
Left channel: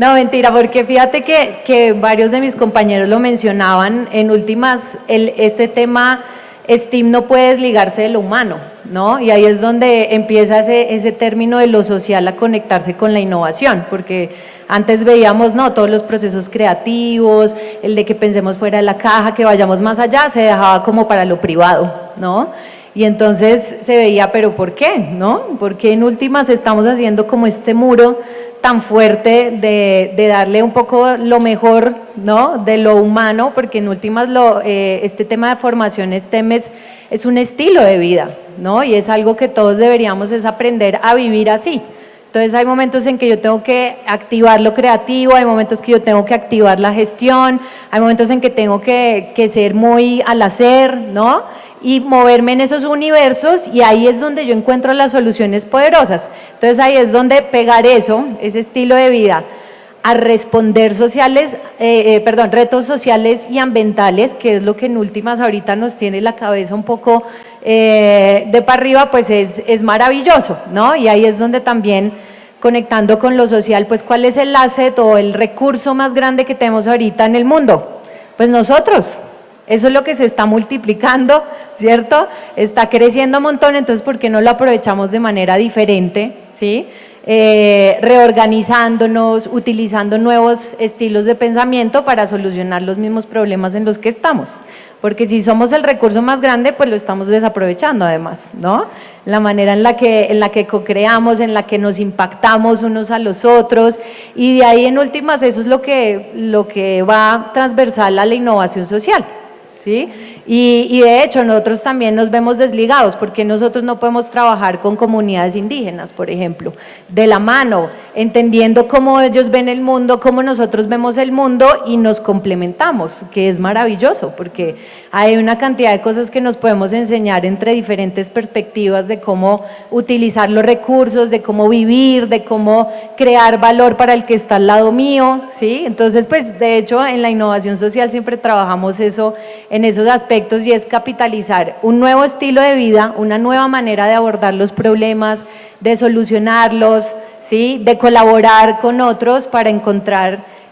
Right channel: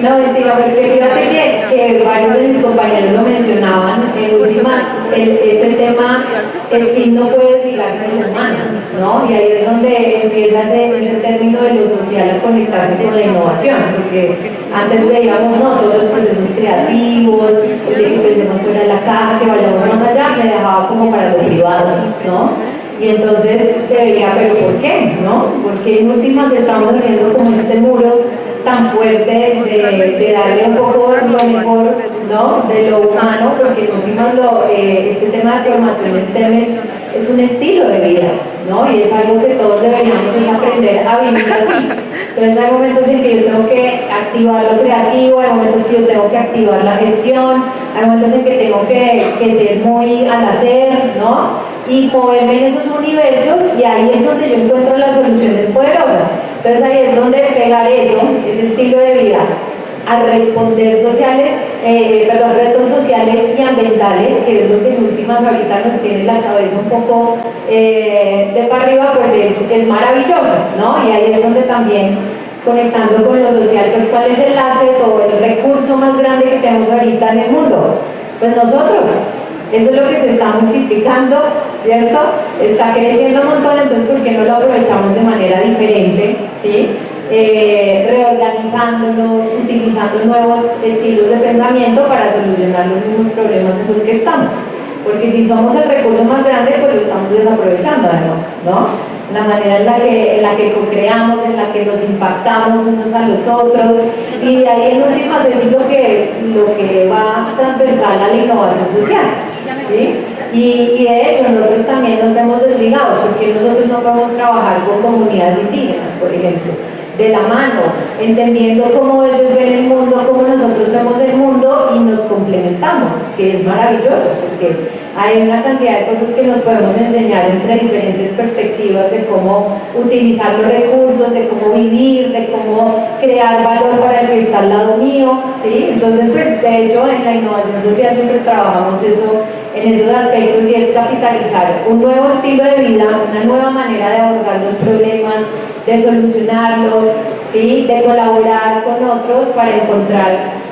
No, mentira, porque fíjate que varios de mis compañeros lo mencionaban. En últimas, este tema STEAM no puede desligarse de lo humano, ¿no? Y ahí es donde empieza ese término de lo social a conectarse con la innovación, porque antes veíamos, ¿no?, todos los procesos creativos, el de que pensemos fuera de la caja, que vayamos más allá, se dejaba como para lo privado, ¿no? Y entonces se veía, pero ¿por qué? ¿No? Porque en últimas estamos haciendo como este muro tan fuerte de darle un poco lo mejor, ¿no?, de lo humano, porque en últimas este tema de formación STEM es un estilo de vida, ¿no? Y es algo que todos deberíamos es aprender a vivir así. Entonces hay momentos en que yo tengo que activar lo creativo, hay momentos que yo tengo que activar la gestión, hay momentos en que tengo que ser muy al hacer, ¿no?, y moverme en esos universos, y ahí es donde yo encuentro las soluciones poderosas. Entonces ahí es donde pegar eso, ese estilo de vida, a responder retos sociales y ambientales, que es lo que en últimas ahorita nos tiene la cabeza un poco de para arriba, pues es maravilloso, ¿no? Y ahí es donde también, conectando con lo social, pues ¿cuál es el asset o el recurso más grande que tenemos ahorita en el mundo? Pues nosotros. Eso es lo que se está multiplicando, ¿cierto? Está creciendo un montón, entonces ¿por qué no lo aprovechamos de manera diferente? ¿Sí? Reorganizándonos, utilizando nuevos estilos de pensamiento para solucionar los mismos problemas en los que estamos. porque si somos el recurso más grande, pues lo estamos desaprovechando además, ¿no? La manera en la que co-creamos, en la que nos impactamos unos a los otros, y de ahí en últimas eso es lo que va transversal a la innovación social, ¿sí? Y de hecho nosotros también nos vemos desligados, porque nosotros no podemos trabajar con comunidades indígenas, por ejemplo, de la mano, entendiendo cómo ellos ven el mundo, cómo nosotros vemos el mundo, y nos complementamos, que es maravilloso, porque hay una cantidad de cosas que nos podemos enseñar entre diferentes perspectivas de cómo utilizar los recursos, de cómo vivir, de cómo crear valor para el que está al lado mío, ¿sí? Entonces, pues, de hecho, en la innovación social siempre trabajamos eso, en esos aspectos, y es capitalizar un nuevo estilo de vida, una nueva manera de abordar los problemas, de solucionarlos, ¿sí? De colaborar con otros para encontrar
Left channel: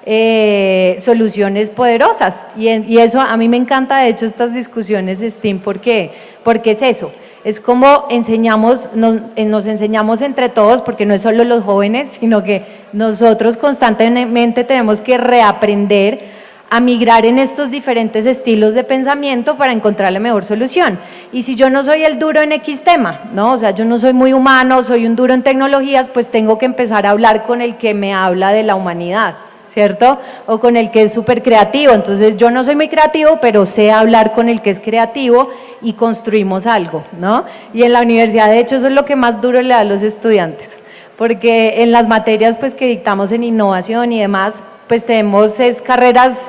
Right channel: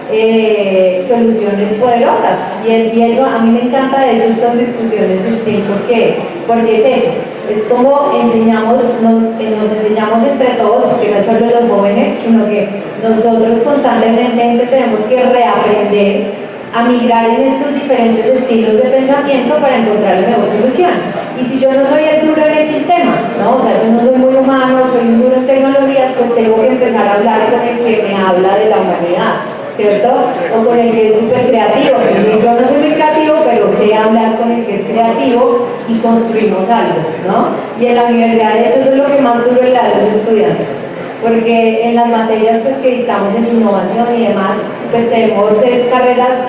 soluciones poderosas, y eso a mí me encanta, de hecho, estas discusiones STEAM, porque es eso, es como nos enseñamos entre todos, porque no es solo los jóvenes, sino que nosotros constantemente tenemos que reaprender a migrar en estos diferentes estilos de pensamiento para encontrar la mejor solución. Y si yo no soy el duro en X tema, ¿no? O sea, yo no soy muy humano, soy un duro en tecnologías, pues tengo que empezar a hablar con el que me habla de la humanidad, ¿cierto? O con el que es súper creativo. Entonces yo no soy muy creativo, pero sé hablar con el que es creativo y construimos algo, ¿no? Y en la universidad, de hecho, eso es lo que más duro le da a los estudiantes, porque en las materias pues que dictamos en innovación y demás, pues tenemos carreras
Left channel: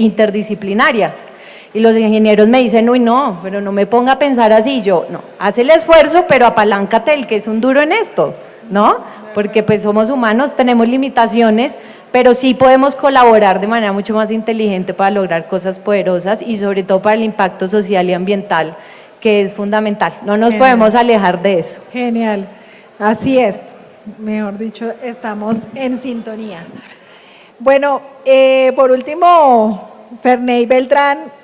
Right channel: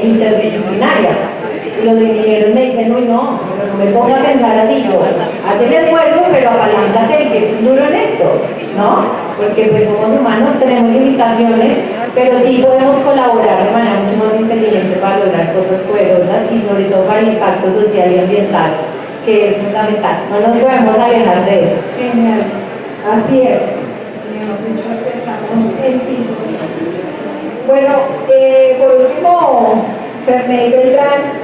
interdisciplinarias, y los ingenieros me dicen, uy, no, pero no me ponga a pensar así. Yo, haz el esfuerzo, pero apaláncate el que es un duro en esto, ¿no? Porque pues somos humanos, tenemos limitaciones, pero sí podemos colaborar de manera mucho más inteligente para lograr cosas poderosas, y sobre todo para el impacto social y ambiental, que es fundamental. No nos podemos alejar de eso. Genial, así es. Mejor dicho, estamos en sintonía. Bueno, por último, Ferney Beltrán,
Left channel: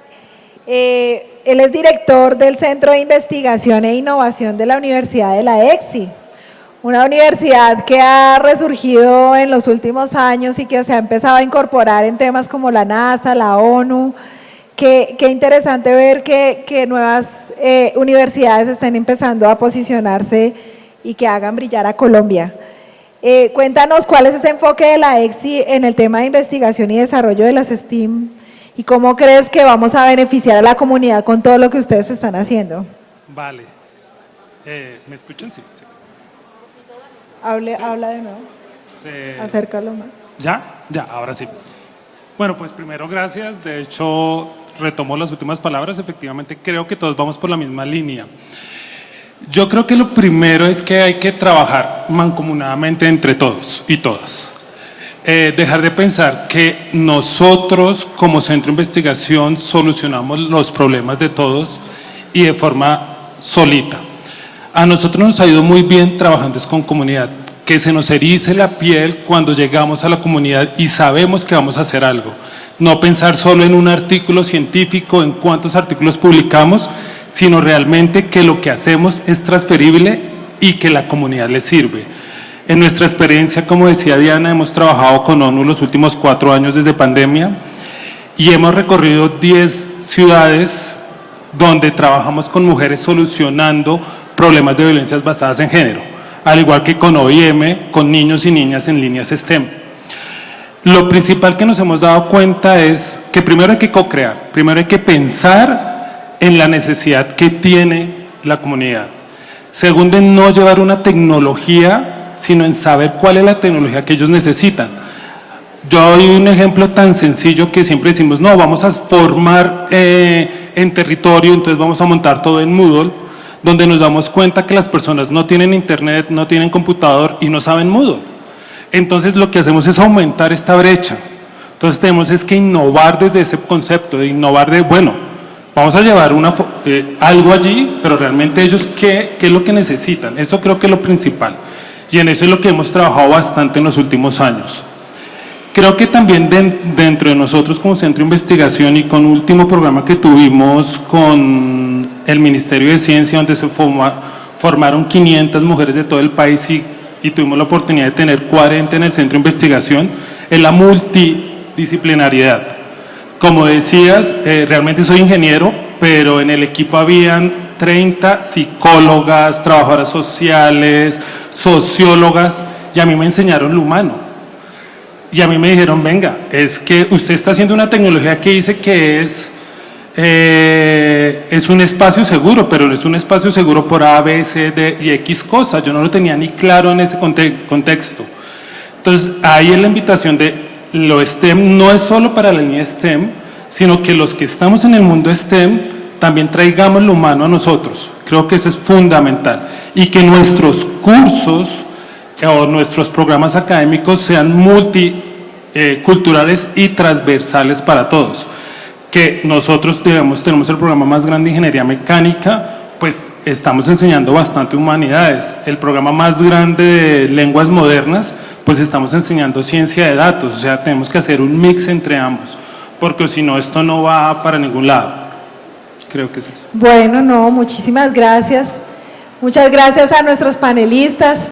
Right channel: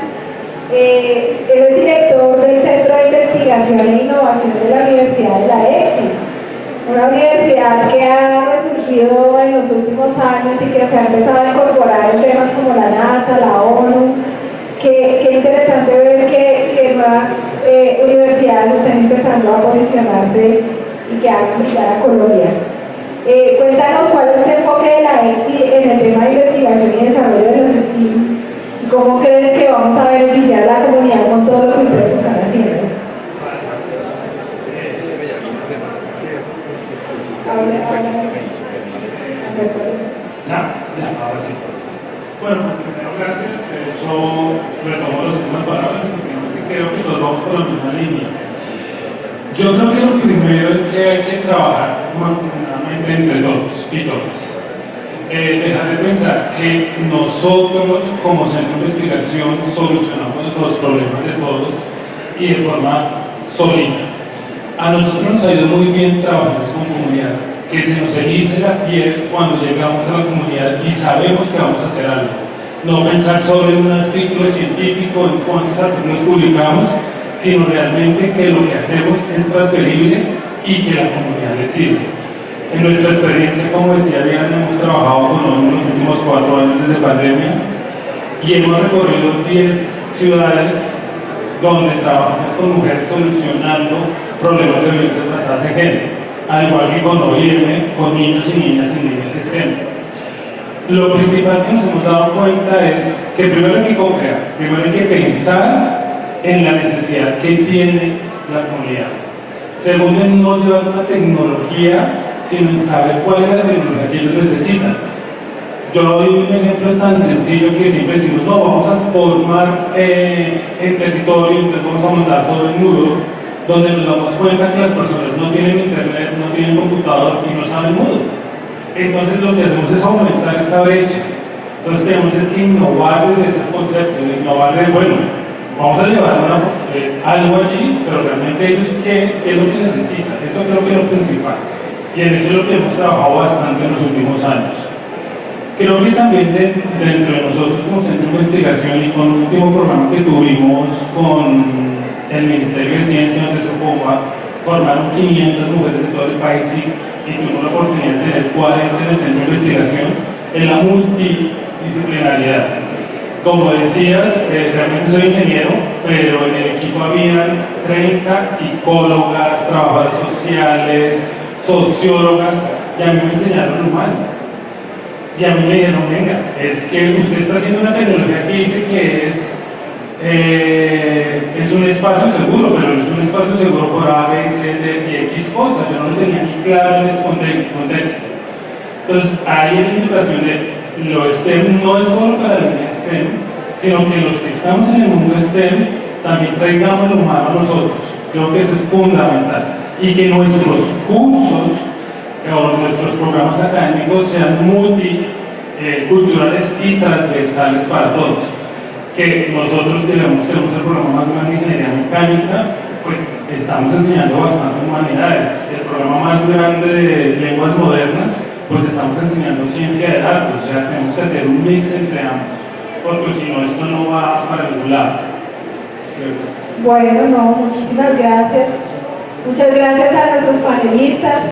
él es director del Centro de Investigación e Innovación de la Universidad de la EXI, una universidad que ha resurgido en los últimos años y que se ha empezado a incorporar en temas como la NASA, la ONU. Qué interesante ver que nuevas universidades estén empezando a posicionarse y que hagan brillar a Colombia. Cuéntanos cuál es ese enfoque de la EXI en el tema de investigación y desarrollo de las STEAM, y cómo crees que vamos a beneficiar a la comunidad con todo lo que ustedes están haciendo. Acércalo. Ya, ahora sí. Bueno, pues primero gracias, de hecho retomo las últimas palabras, efectivamente creo que todos vamos por la misma línea. Yo creo que lo primero es que hay que trabajar mancomunadamente entre todos y todas. Dejar de pensar que nosotros como centro de investigación solucionamos los problemas de todos y de forma solita. A nosotros nos ha ido muy bien trabajando con comunidad, que se nos erice la piel cuando llegamos a la comunidad y sabemos que vamos a hacer algo. No pensar solo en un artículo científico, en cuántos artículos publicamos, sino realmente que lo que hacemos es transferible y que la comunidad le sirve. En nuestra experiencia, como decía Diana, hemos trabajado con ONU los últimos 4 años desde pandemia y hemos recorrido 10 ciudades donde trabajamos con mujeres solucionando problemas de violencias basadas en género, al igual que con OIM, con niños y niñas en líneas STEM. Lo principal que nos hemos dado cuenta es que primero hay que co-crear, primero hay que pensar en la necesidad que tiene la comunidad. Segundo, en no llevar una tecnología, sino en saber cuál es la tecnología que ellos necesitan. Yo doy un ejemplo tan sencillo que siempre decimos, no, vamos a formar en territorio, entonces vamos a montar todo en Moodle, donde nos damos cuenta que las personas no tienen internet, no tienen computador y no saben Moodle. Entonces lo que hacemos es aumentar esta brecha. Entonces tenemos es que innovar desde ese concepto, innovar de, bueno, vamos a llevar algo allí, pero realmente ellos ¿qué es lo que necesitan? Eso creo que es lo principal, y en eso es lo que hemos trabajado bastante en los últimos años. Creo que también dentro de nosotros como centro de investigación y con un último programa que tuvimos con el Ministerio de Ciencia, donde se formaron 500 mujeres de todo el país y tuvimos la oportunidad de tener 40 en el centro de investigación, en la multidisciplinariedad. Como decías, realmente soy ingeniero, pero en el equipo habían 30 psicólogas, trabajadoras sociales, sociólogas, y a mí me enseñaron lo humano. Y a mí me dijeron, venga, es que usted está haciendo una tecnología que dice que es un espacio seguro, pero es un espacio seguro por A, B, C, D y X cosas. Yo no lo tenía ni claro en ese contexto. Entonces, ahí es la invitación de lo STEM, no es solo para la línea STEM, sino que los que estamos en el mundo STEM también traigamos lo humano a nosotros. Creo que eso es fundamental. Y que nuestros cursos o nuestros programas académicos sean multiculturales y transversales para todos. Que nosotros tenemos el programa más grande de ingeniería mecánica, pues estamos enseñando bastante humanidades. El programa más grande de lenguas modernas, pues estamos enseñando ciencia de datos. O sea, tenemos que hacer un mix entre ambos, porque si no, esto no va para ningún lado. Creo que es eso. Bueno, no, muchísimas gracias. Muchas gracias a nuestros panelistas.